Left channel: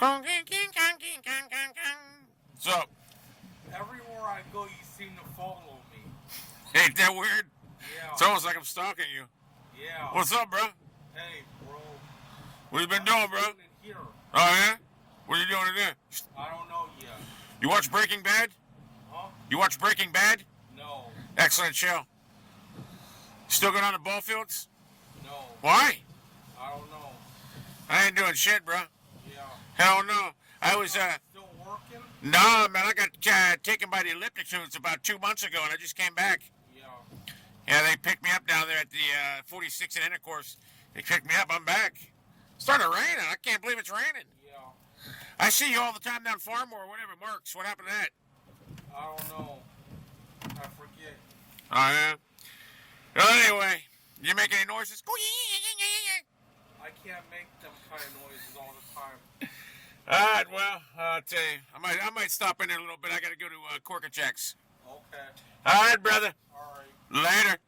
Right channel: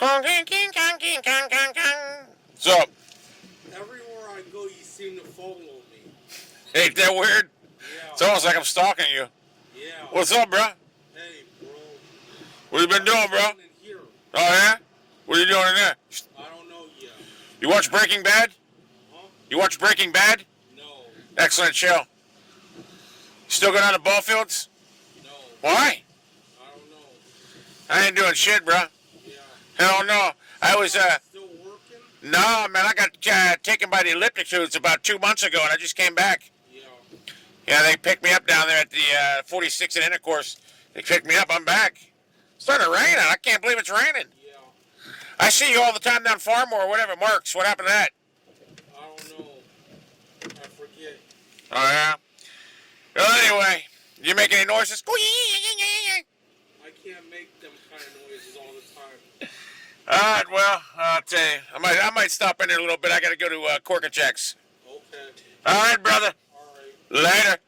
What's up? Everywhere I go, you seem to follow me. Ain't that weird? Yeah. It's almost like I'm stalking you. Yeah. What's up, bro? Hey, bro. What you been doing, bro? In here. Oh, yeah? What are you doing in there? I don't know yet. You watch Breaking Bad? Huh? You watch Breaking Bad? No. Excellent show. Still going on the ball fields? No. Why? I don't know. I ain't doing shit, bro. Yeah. Hell no. I was, Still working? no, man, I got taken by the elliptic tubes about 2 months ago, and I just came back. Yeah. Yeah, they picked me up down there at the 46 and intercourse. They picked me up. I'm back. It's starting to rain. I can't believe it's raining. Yeah. I see you all the time down Farmore or whatever. Marks, what happened to that? I don't know. I forget. Oh, yeah? Well, anyway, you make any noises? I can't make them kind of noises all the time. All right, well, I'll tell you. I might stop in there a little bit. I got to go to korkachacks. Okay. All right, brother. All right. Later. Later.